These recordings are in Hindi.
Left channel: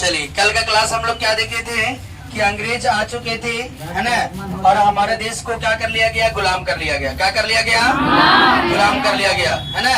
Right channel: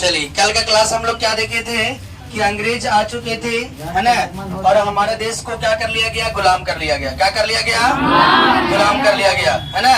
चलिए, कल का क्लास हम लोग क्या देखे थे कि अंग्रेज आ चुके थे, है ना, और हमारे देश को क्या कर लिया गया, गुलाम कर लिया गया। क्या कर लिया गया? गुलाम कर लिया गया, है ना।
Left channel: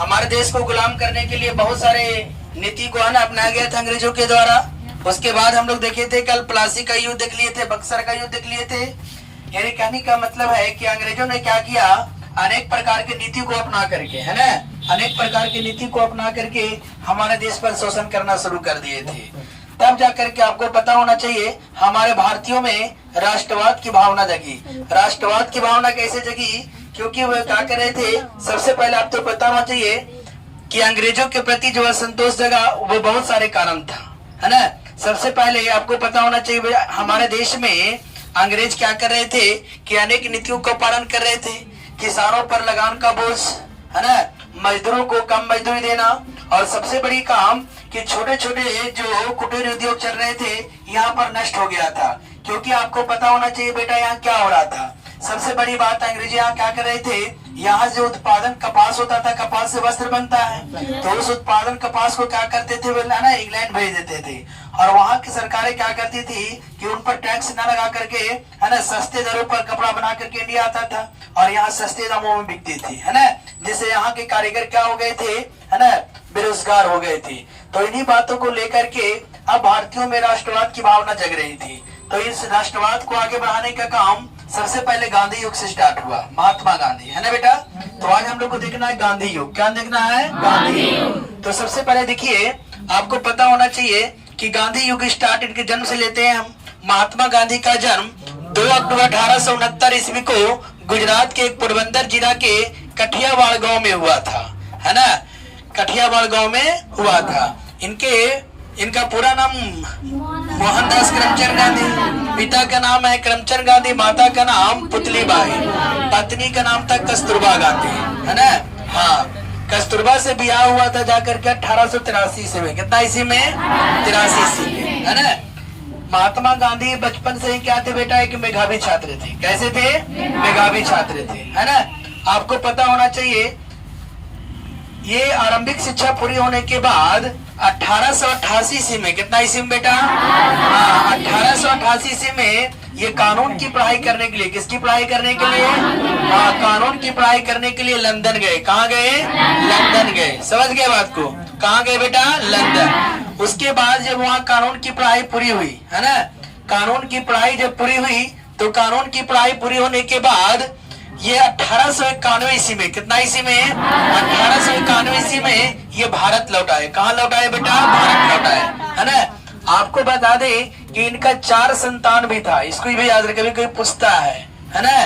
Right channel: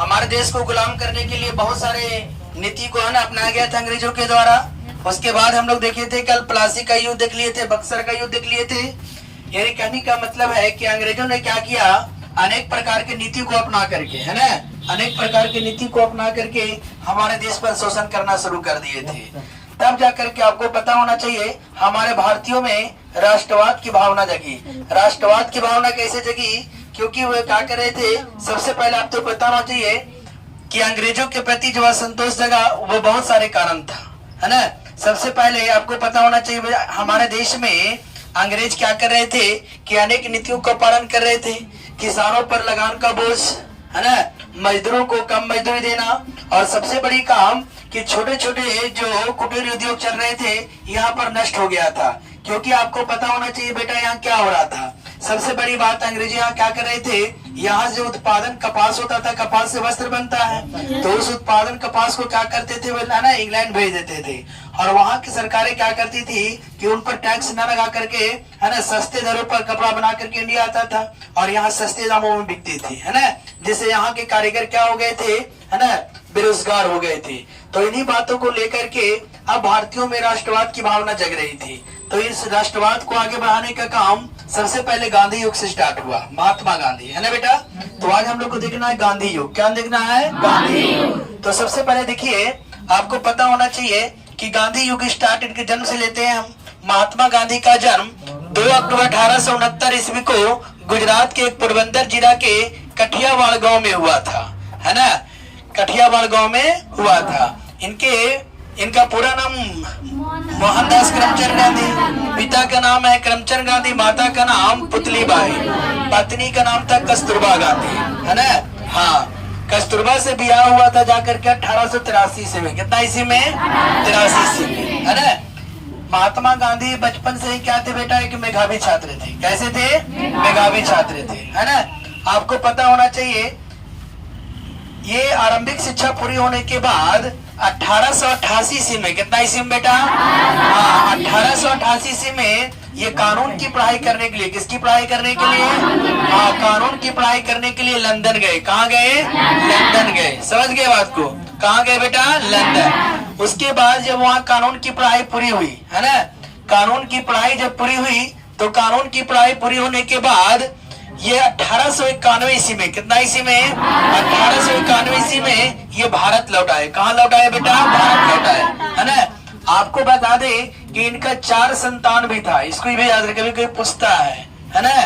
हमारे देश को गुलाम करने के लिए बहुत सारे नीति को है ना अपनाया गया था अंग्रेजों के द्वारा। उसके बाद हम लोग देखे थे कल प्लासी का युद्ध देख लिए थे, बक्सर का युद्ध देख लिए थे। यानी कहने का मतलब है कि अंग्रेजों ने क्या किया, अनेक प्रकार की नीति को अपना करके, है ना, अनेक प्रकार की नीति को अपना करके हमारे देश पर शोषण करना शुरू कर दिए थे। तब जाकर के आपको पता होना चाहिए हमारे भारतीयों में राष्ट्रवाद की भावना जगी। राष्ट्रवाद की भावना कैसे जगी? क्योंकि वो क्या कर रहे थे, सबसे पहले आपको पता होना चाहिए कि अंग्रेजों के प्रति जो असंतोष जगा वो बहुत सारे कारण था, है ना। सबसे पहले आपको पता होना चाहिए हमारे देश में अंग्रेज क्या कर रहे थे कि अनेक नीतियों का पालन कर रहे थे। किसानों पर लगान का बोझ, है ना, मजदूरों को कम मजदूरी देना, और सबसे बड़ी काम कि छोटे छोटे जो कुटीर उद्योग चल रहे थे यहाँ पर नष्ट हो गया था। क्योंकि आपको पता होना चाहिए बेटा यहाँ क्या हो रहा था। सबसे बड़ी बात, अंग्रेजी यहाँ क्या कर रहे थे, यहाँ जो उत्पादन कपास होता था, कपास से वस्त्र बनता है, तो उस उत्पादन कपास को क्या करते थे वे ना इंग्लैंड भेज देते थे। और वहाँ की सरकारें क्या करती थी कि उन पर टैक्स न लगा करके, है ना, सस्ते दरों पर कपड़ा बना करके इंडिया आता था और यहाँ सस्ते दामों में बिकती थी, है ना। जिससे यहाँ के कारीगर क्या हो गए थे, है ना, बेरोजगार हो गए थे। तो इन्हीं बातों को लेकर के अब भारतीयों में राष्ट्रवाद की भावना जग रही थी। तो इस राष्ट्रवाद को आगे बढ़ाने का काम सबसे पहले गांधी युग से स्टार्ट हुआ, महात्मा गांधी, है ना बेटा। तो आज हम लोग को देखना है गांधी युग। क्या देखना है? गांधी युग। तो सबसे पहले देखिए, आपको पता होना चाहिए कि गांधी युग स्टार्ट इनके जन्म से लेते हैं हम। महात्मा गांधी का जन्म 2 अक्टूबर 1869 ईस्वी को गुजरात के पोरबंदर जिला के कठियावाड़ गांव में हुआ था, है ना। कठियावाड़ गांव में हुआ था। इनका पूरा नाम मोहनदास करमचंद गांधी, पिता का नाम है करमचंद गांधी, माता का नाम पुतलीबाई, पत्नी का नाम था कस्तूरबा गांधी, है ना। हाँ, कस्तूरबा से ब्याह हुआ था जाकर के 1883 ईस्वी में। कितना ईस्वी में? 83 ईस्वी में, है ना। महात्मा गांधी बचपन से ही क्या थे बेटा, एक मेधावी छात्र थे। कैसे थे? मेधावी छात्र थे, है ना। आपको पता होना चाहिए ये आरंभिक शिक्षा पूरी होने के बाद 1888 ईस्वी में, कितना ईस्वी में बेटा? हाँ, 1888 ईस्वी में ये कानून की पढ़ाई करने के लिए, किसकी पढ़ाई करने के लिए? हाँ, कानून की पढ़ाई करने के लिए लंदन गए। कहाँ गए? लंदन गए। समझ गए बात को? कहाँ गए बेटा? लंदन। उसके बाद जब वहाँ कानून की पढ़ाई पूरी हुई, है ना, कानून की पढ़ाई जब पूरी हुई तो कानून की पढ़ाई पूरी होने के बाद ये 1891 ईस्वी में, कितना ईस्वी में? 1891 ईस्वी में ये भारत लौट आए। कहाँ लौट आए बेटा? भारत लौट आए, है ना। आपको बता दे कि इनका 4 संतान भी था। इसको भी याद रखे, कोई पूछता है ना।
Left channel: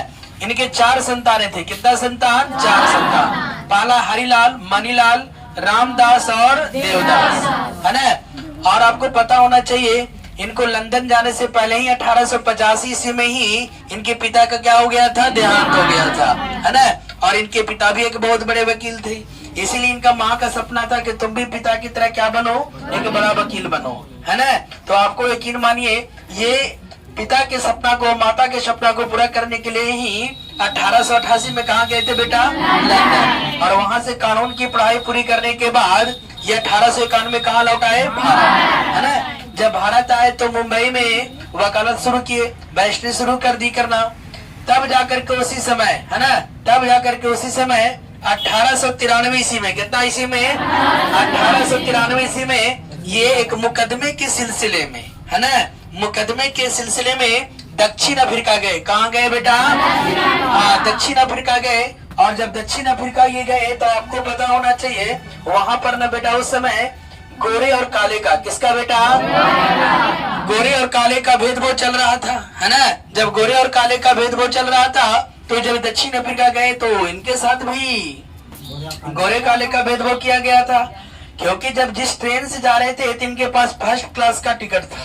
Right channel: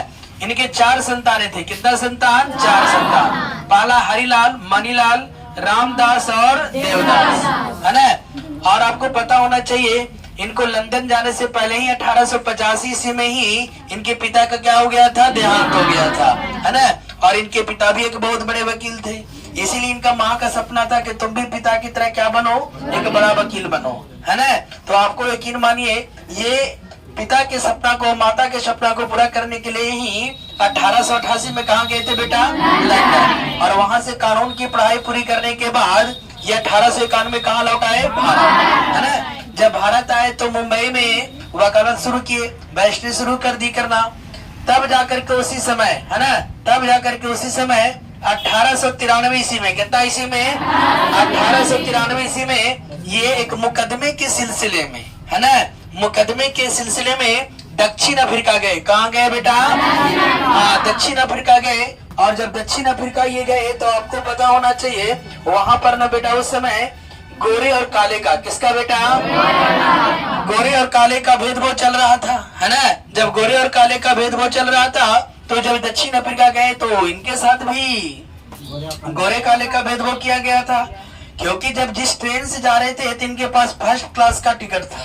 इनके 4 संतानें थे। कितना संतान? 4 संतान। पहला हरिलाल, मणिलाल, रामदास और देवदास, है ना। और आपको पता होना चाहिए इनको लंदन जाने से पहले ही 1885 ईस्वी में ही इनके पिता का क्या हो गया था? देहांत हो गया था, है ना। और इनके पिता भी एक बहुत बड़े वकील थे। इसीलिए इनका माँ का सपना था कि तुम भी पिता की तरह क्या बनो, एक बड़ा वकील बनो, है ना। तो आपको यकीन मानिए ये पिता के सपना को, माता के सपना को पूरा करने के लिए ही 1888 में कहा गए थे बेटा? लंदन। और वहां से कानून की पढ़ाई पूरी करने के बाद ये 1891 में कहा लौट आए? भारत, है ना। जब भारत आए तो मुंबई में वकालत शुरू किए, बैरिस्ट्री शुरू कर दी करना। तब जाकर के उसी समय, है ना, तब जाकर के उसी समय 1893 ईस्वी में, कितना ईस्वी में? 1893 ईस्वी में ये एक मुकदमे के सिलसिले में, है ना, मुकदमे के सिलसिले में दक्षिण अफ्रीका गए। कहाँ गए बेटा? हाँ, दक्षिण अफ्रीका गए। और जब दक्षिण अफ्रीका ये गए तो आपको पता होना चाहिए वहां पर ना बेटा उस समय गोरे और काले का, किसका बेटा? गोरे और काले का भेदभाव चल रहा था, है ना। जब गोरे और काले का भेदभाव चल रहा था तो जब दक्षिण अफ्रीका गए तो इनके साथ भी गोरे काले का भेदभाव किया गया था। क्योंकि जब जिस ट्रेन से जा रहे थे तो इनके पास फर्स्ट क्लास का टिकट था,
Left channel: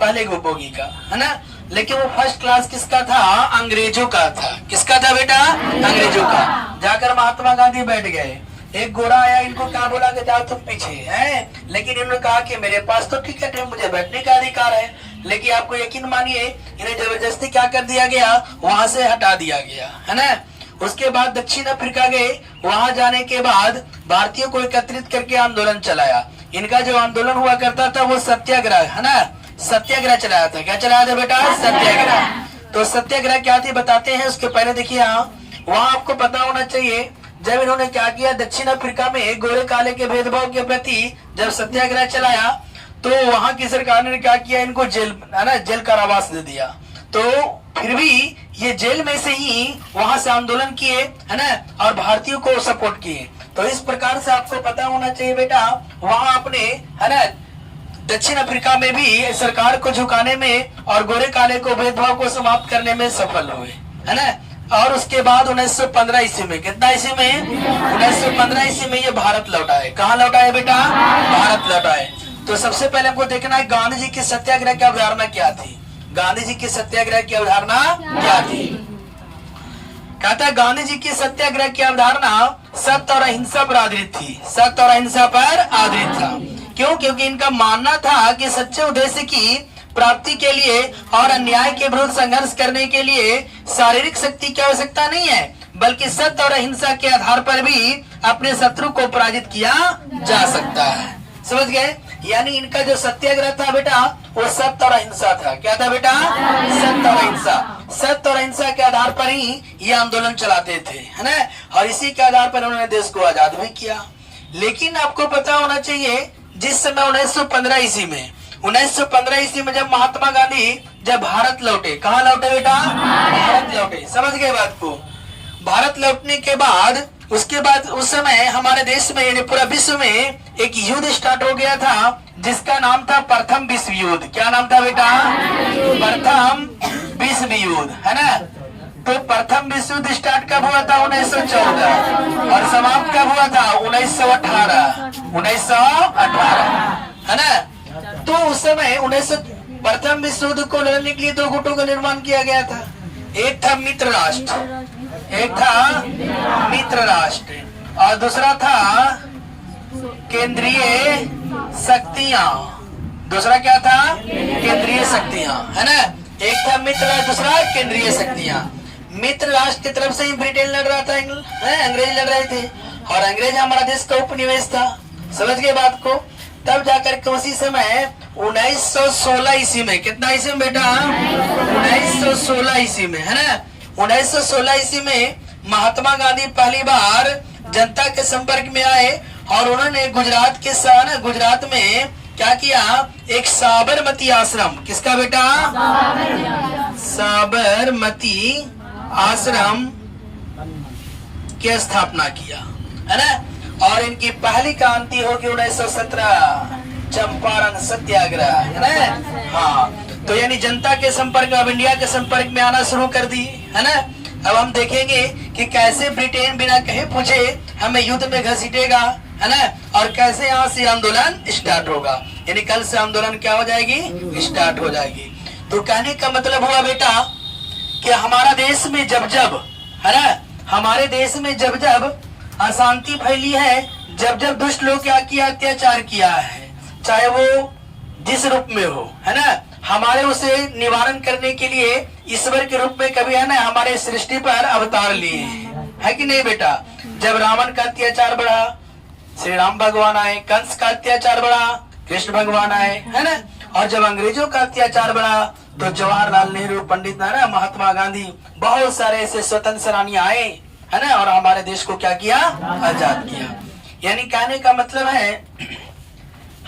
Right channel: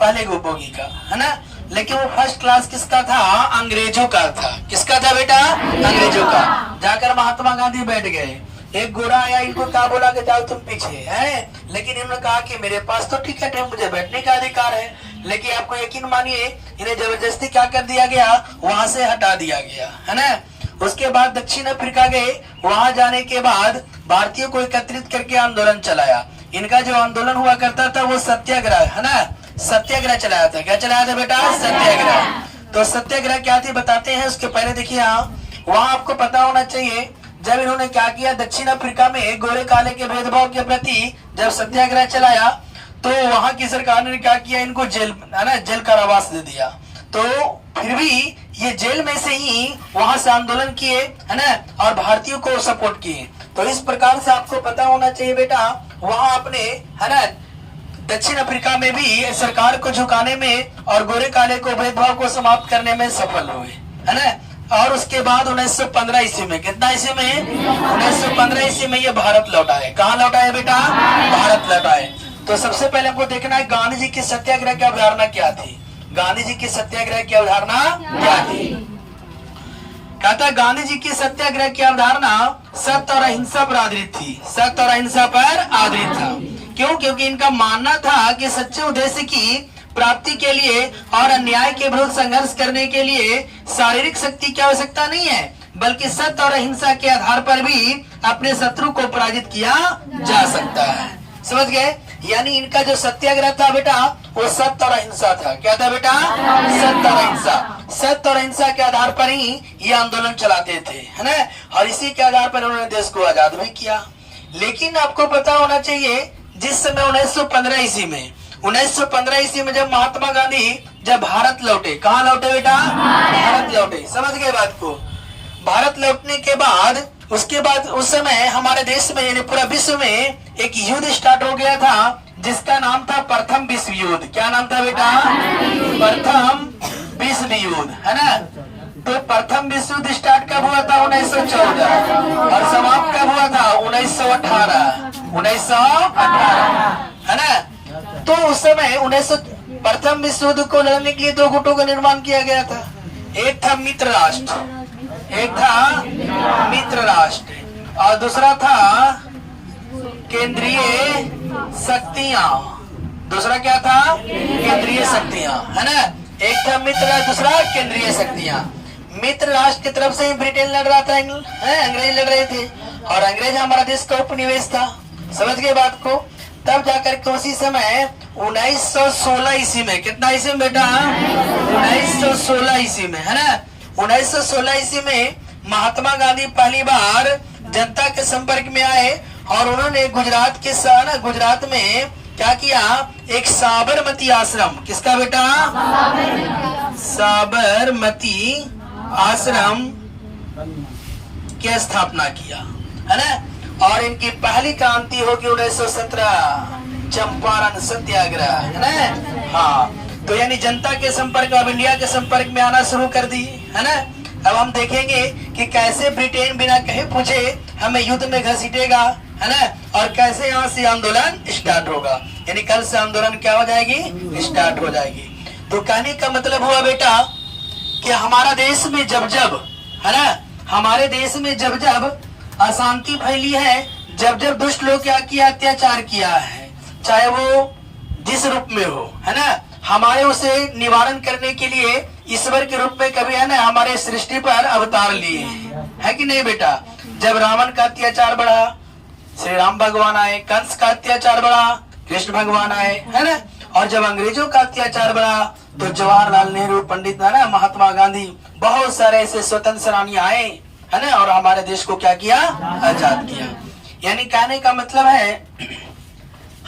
पहले बोगी का, है ना। लेकिन वो फर्स्ट क्लास किसका था? अंग्रेजों का था। किसका था बेटा? अंग्रेजों का। जाकर महात्मा गांधी बैठ गए। एक गोरा आया, इनको क्या बोला कि जाओ तुम पीछे, है। लेकिन इन्होंने कहा कि मेरे पास तो टिकट है, मुझे बैठने का अधिकार है। लेकिन आपको यकीन मानिए इन्हें जबरदस्ती क्या कर दिया गया? वहां से हटा दिया गया, है ना। उसके बाद दक्षिण अफ्रीका गए। वहां जाने के बाद भारतीयों को एकत्रित करके आंदोलन चलाया। इनका जो आंदोलन हुआ करता था वो सत्याग्रह है ना, सत्याग्रह चलाया था। क्या चलाया था बेटा? सत्याग्रह। तो सत्याग्रह क्या थी बताते हैं। उसके पहले देखिए वहां आपको पता होना चाहिए जब इन्होंने क्या किया, दक्षिण अफ्रीका में गोरे काले के भेदभाव के प्रति जब सत्याग्रह चलाया तो वहां की सरकार ने क्या किया, इनको जेल है ना, जेल कारावास दे दिया। तो फिर भी ये जेल में से ही वहां से आंदोलन किए है ना, और भारतीयों को सपोर्ट किए। तो इस प्रकार से आपको पता होना चाहिए बेटा, वहां अपने है ना दक्षिण अफ्रीका में भी सरकार को झुकाने में और गोरे काले को भेदभाव को समाप्त करने में सफल हुए है ना। और उसके बाद 1915 ईस्वी में, कितना ईस्वी में? 1915 ईस्वी में ये भारत लौटा है। कहाँ लौटा है बेटा? भारत लौटा है। तो सबसे पहले हमको देखना है गांधी जी की सत्याग्रह की अवधारणा क्या थी। गांधी जी की सत्याग्रह की अवधारणा क्या थी? कहता है गांधी जी की सत्याग्रह की अवधारणा सत्य और अहिंसा पर आधारित थी। सत्य और अहिंसा पर आधारित था। क्यों? क्योंकि इनका मानना था कि सच्चे उद्देश्य की प्राप्ति के लिए और अन्याय के विरुद्ध संघर्ष करने के लिए शारीरिक शक्ति की आवश्यकता नहीं है, बल्कि सत्य और अहिंसा के आधार पर भी अपने शत्रु को पराजित किया जा सकता है। समझ गए? यानी इनका जो सत्याग्रह था बेटा वो सत्य और अहिंसा था। क्या था बेटा? सत्य और अहिंसा। सत्य और अहिंसा के आधार पर ही ये आंदोलन चलाते थे है ना, और इसी के आधार पर उन्होंने देश को आजाद भी किया। लेकिन आपको पता होना चाहिए जिस समय 1915 ईस्वी में 1915 ईस्वी में जब महात्मा गांधी जब भारत लौटे, कहाँ लौटे बेटा? भारत लौटे। समझ गए बात को? भारत लौटने के बाद उसके बाद उस समय हमारे देश में यानी पूरा विश्व में एक युद्ध स्टार्ट हो गया था जिसका नाम था प्रथम विश्व युद्ध। क्या नाम था बेटा? प्रथम विश्व युद्ध है ना। तो प्रथम विश्व युद्ध स्टार्ट कब हुआ था? 1914 और समाप्त कब हुआ था? 1918 है ना। तो उस समय प्रथम विश्व युद्ध को लड़ने के लिए दो गुटों का निर्माण किया गया था। एक था मित्र राष्ट्र, एक था मित्र राष्ट्र और दूसरा था केंद्रीय शक्तियां। दूसरा क्या था? केंद्रीय शक्तियां है ना। एक था मित्र राष्ट्र, दूसरा केंद्रीय शक्तियां। मित्र राष्ट्र की तरफ से ही ब्रिटेन लड़ रहा था, अंग्रेज लड़ रहे थे और अंग्रेज हमारा देश का उपनिवेश था। समझ गए बात को? तब जाकर के उसी समय 1916 ईस्वी में, कितना ईस्वी में बेटा? 1916 ईस्वी में है ना। 1916 ईस्वी में महात्मा गांधी पहली बार जनता के संपर्क में आए और उन्होंने गुजरात में क्या किया, एक साबरमती आश्रम, किसका बेटा? साबरमती आश्रम की स्थापना किया है ना। और इनकी पहली क्रांति होगी 1917 चंपारण सत्याग्रह है ना। हाँ, तो यानी जनता के संपर्क, अब इंडिया के संपर्क में आना शुरू कर दी है ना। अब हम देखेंगे कि कैसे ब्रिटेन बिना कहे पूछे हमें युद्ध में घसीटेगा है ना, और कैसे यहाँ से आंदोलन स्टार्ट होगा। यानी कल से आंदोलन क्या हो जाएगी? स्टार्ट हो जाएगी। तो कहने का मतलब हुआ बेटा कि हमारा देश में जब जब है ना, हमारे देश में जब जब अशांति फैली है, जब जब दुष्ट लोग क्या किया, अत्याचार किया है, चाहे वो जिस रूप में हो है ना, हमारे उसे निवारण करने के लिए ईश्वर के रूप में कभी है ना हमारे सृष्टि पर अवतार लिए है कि नहीं बेटा। जब रावण का अत्याचार बढ़ा, श्री राम भगवान आए। कंस का अत्याचार बढ़ा, कृष्ण भगवान आए है ना। और जब अंग्रेजों का अत्याचार बढ़ा तो जवाहरलाल नेहरू, पंडित है ना, महात्मा गांधी, बहुत सारे ऐसे स्वतंत्र सेनानी आए है ना, और हमारे देश को क्या किया? आजाद किया। यानी कहने का मतलब है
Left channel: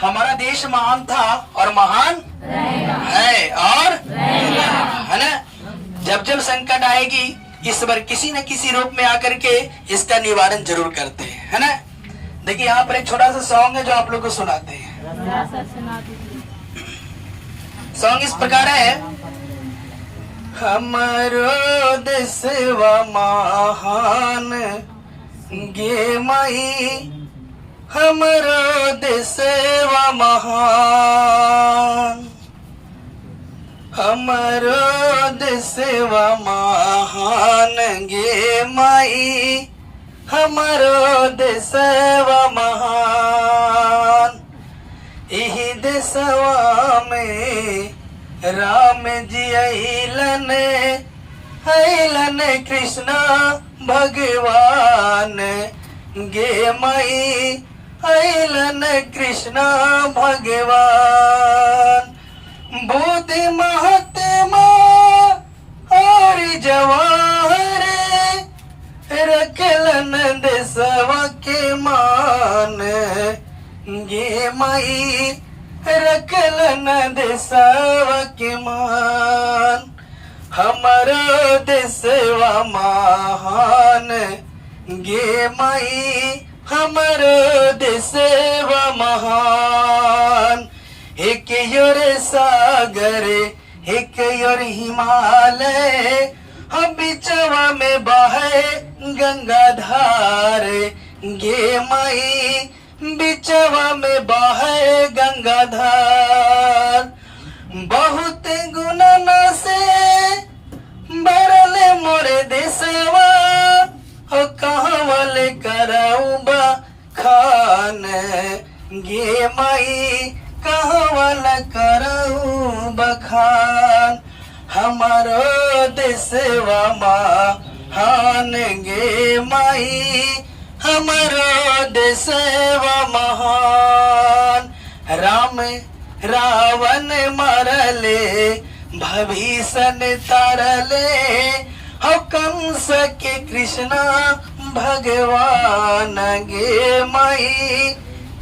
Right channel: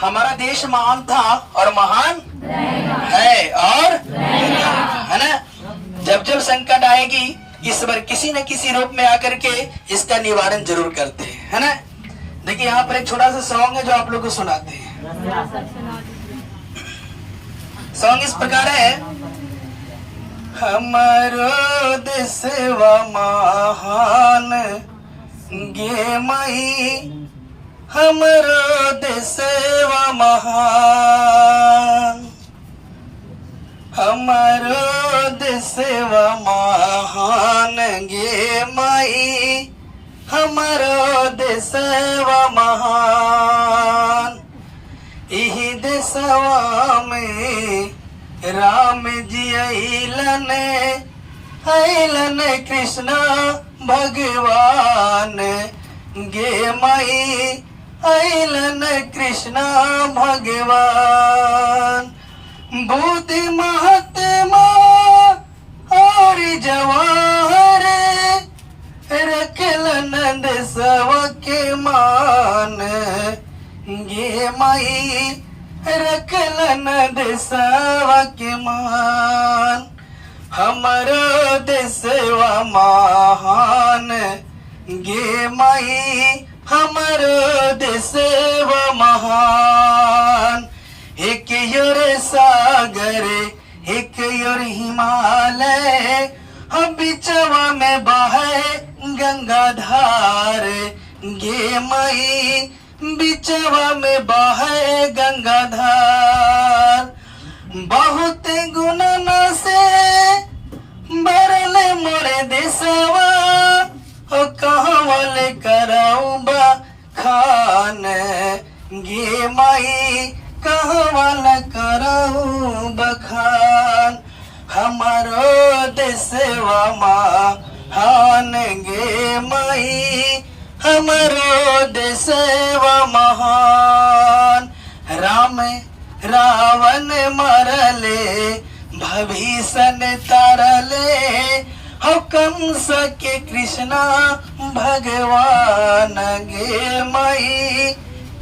हमारा देश महान था और महान है और है ना। जब जब संकट आएगी ईश्वर किसी न किसी रूप में आकर के इसका निवारण जरूर करते हैं है ना। देखिए यहाँ पर एक छोटा सा सॉन्ग है जो आप लोग को सुनाते हैं। सॉन्ग इस प्रकार है, हमारो देशवा महान गे मई, हमारो देशवा महान, हमारो देशवा महान गे मई, हमारो देशवा महान। इही देशवा में राम जी अइलन कृष्ण भगवान गे माई अलन कृष्ण भगवान बुद्धि महात्मा और जवाहर रखलन देशवा के मान गे माई रखलन देशवा के मान हमारा देशवा महान गे माई हमारा देशवा महान एक योर सागर एक योर हिमालय हम बिचवा में बहे गंगा धार गे माई बिचवा में बहे गंगा धार बहुत गुणन से बरले मोरे देशवा हो कहवल कराऊ खान गे माई कहवल कराऊ बखान हमारो देशवा महान गे माई हमारो देशवा महान राम रावण मरले भविष्य तारले हो कंस के कृष्णा भगवान गे माई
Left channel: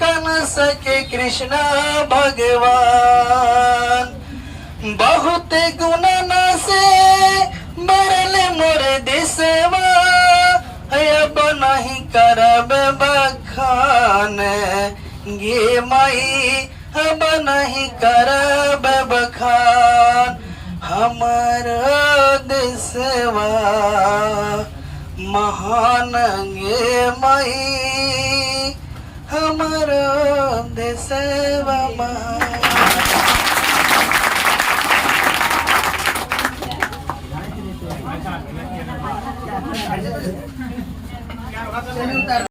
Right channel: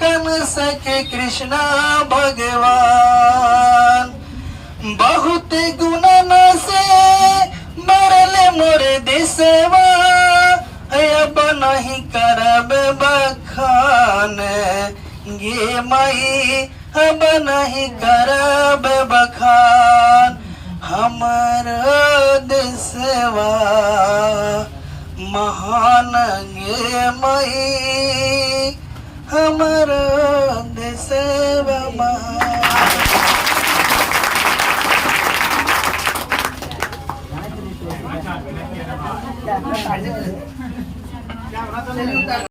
कंस के कृष्णा भगवान बहुत गुणन से मरले मोरे देशवा अब नहीं करब बखान गे माई अब नहीं करब बखान हमर देशवा महान गे माई हमर देशवा महान